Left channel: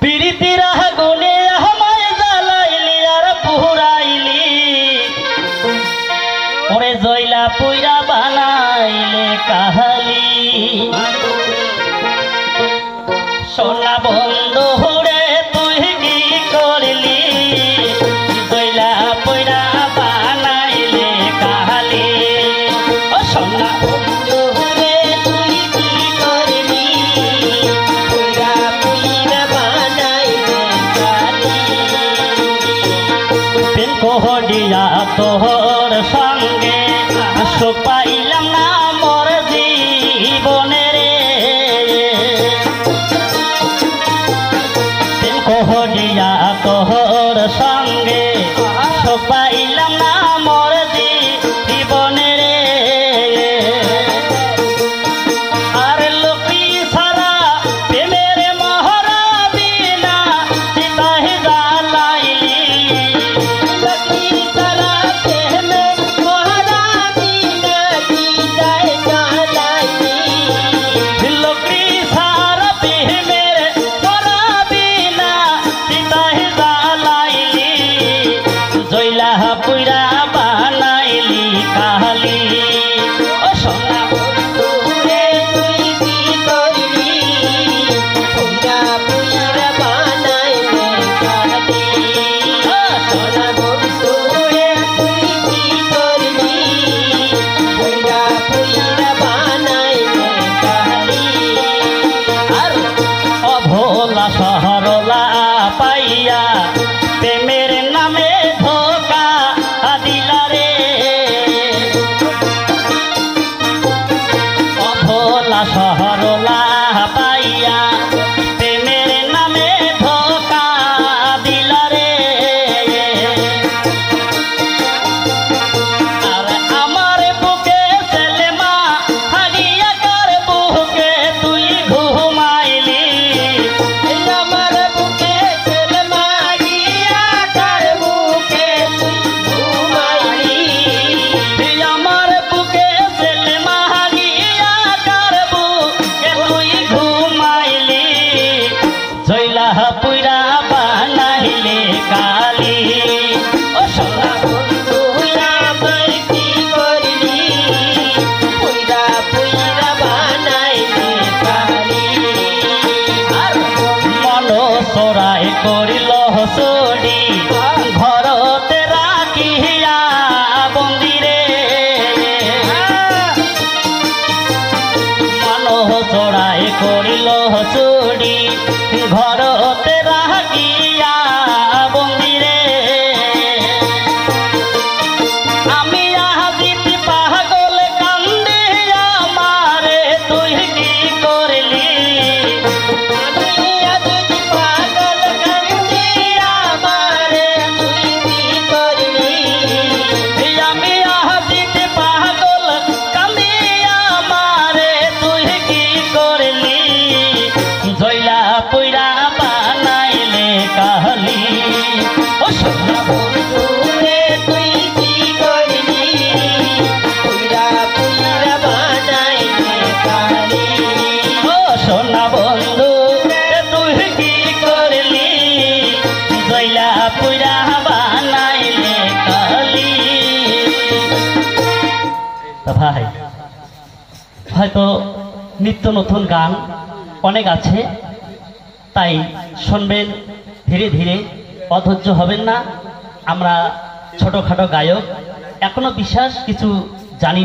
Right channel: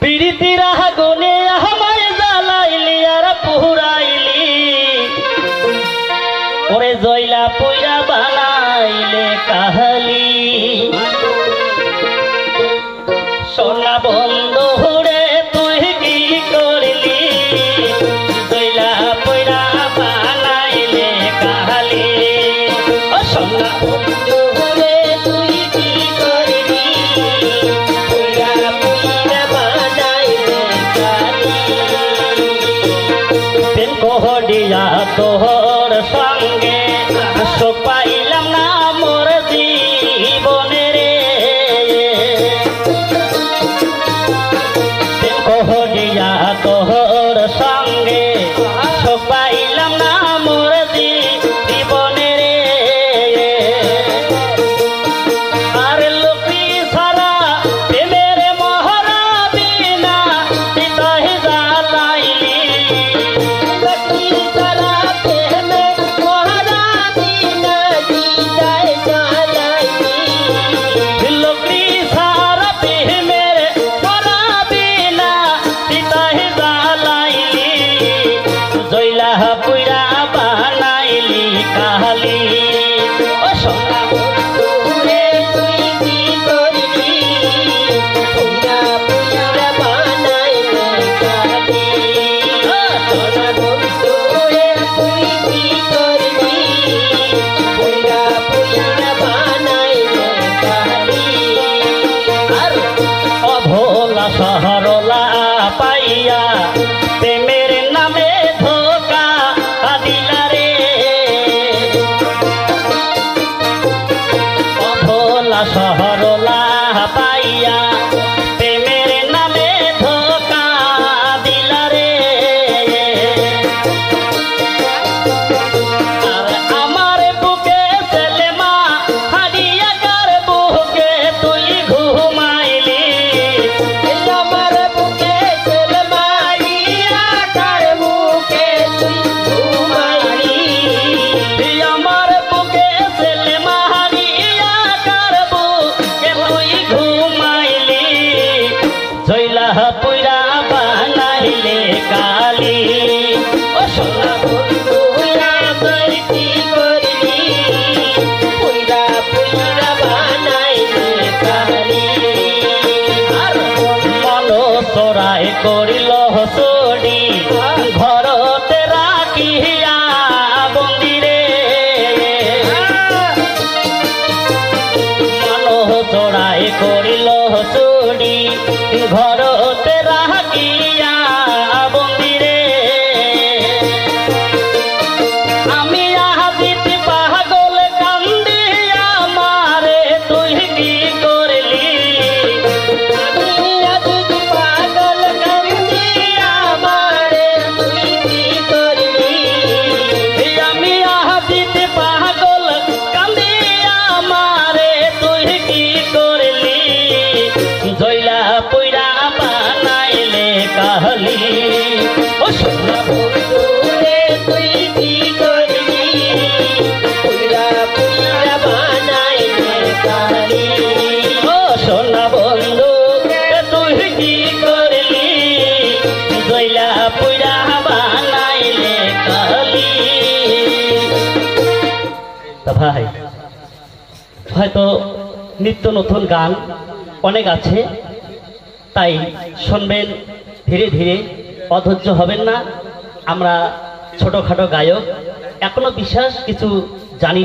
পিরিতির আগুনে আমায় জ্বালাইলি আর পুরাইলি ওরে জয়লা পুইরা বানাইলে কাহালি সোনা বন্ধু রে তুই কি করলি জয়লা পুইরা বানাইলে কাহালি ও সোনা বন্ধু রে তুই কি করলি পুইরা পুইরা বানাইলে কাহালি দিন কোহডিয়া তোহর সঙ্গে সুখ পাইলাম না মোর জীবনে রে দিন কোহডিয়া তোহর সঙ্গে সুখ পাইলাম না মোর জীবনে রে আর লোকি সারা প্রেমের মহরা বিনা চিতাহে জ্বালাইলি লোকি সারা প্রেমের মহরা বিনা চিতাহে জ্বালাইলি লোকি সারা প্রেমের মহরা বিনা চিতাহে জ্বালাইলি জয়লা পুইরা বানাইলি কাহালি ও সোনা বন্ধু রে তুই কি করলি পুইরা পুইরা বানাইলি কাহালি ও সোনা বন্ধু রে তুই কি করলি পুইরা পুইরা বানাইলি কাহালি আর অভোলা সহরলা পাইয়া প্রেমের নামে ধোকা দিলা রে অভোলা সহরলা পাইয়া প্রেমের নামে ধোকা দিলা রে আর আমার বুকে সেলেমা হারিয়া কার বুকে তুই ঘুমাইলি আমার বুকে সেলেমা হারিয়া কার বুকে তুই ঘুমাইলি আমার বুকে সেলেমা হারিয়া কার বুকে তুই ঘুমাইলি জয়লা পুইরা বানাইলে কালি ও সোনা বন্ধু রে তুই কি করলি পুইরা পুইরা বানাইলে কালি আর মন চোরাই করিল চুরি ঘরতে রাখিয়া বন্দিরে মন চোরাই করিল চুরি ঘরতে রাখিয়া বন্দিরে আমি আহিতে পাগল কান্দি আমারে তুই কি করলি আমি আহিতে পাগল কান্দি আমারে তুই কি করলি আমি আহিতে পাগল কান্দি আমারে তুই কি করলি জয়লা পুইরা বানাইলে কাহালি ও সোনা বন্ধু রে তুই কি করলি পুইরা পুইরা বানাইলে কাহালি ও সোনা বন্ধু রে তুই কি করলি জয়লা পুইরা বানাইলে কাহালি ভাই হয়তো নিত্য নতুন গান অনেক আছে তাই শুনবেন ধীরে ধীরে অধৈর্য হবেন না আমরা ছোটখাটো গায়ক এখনো বিশেষ কিছু জানি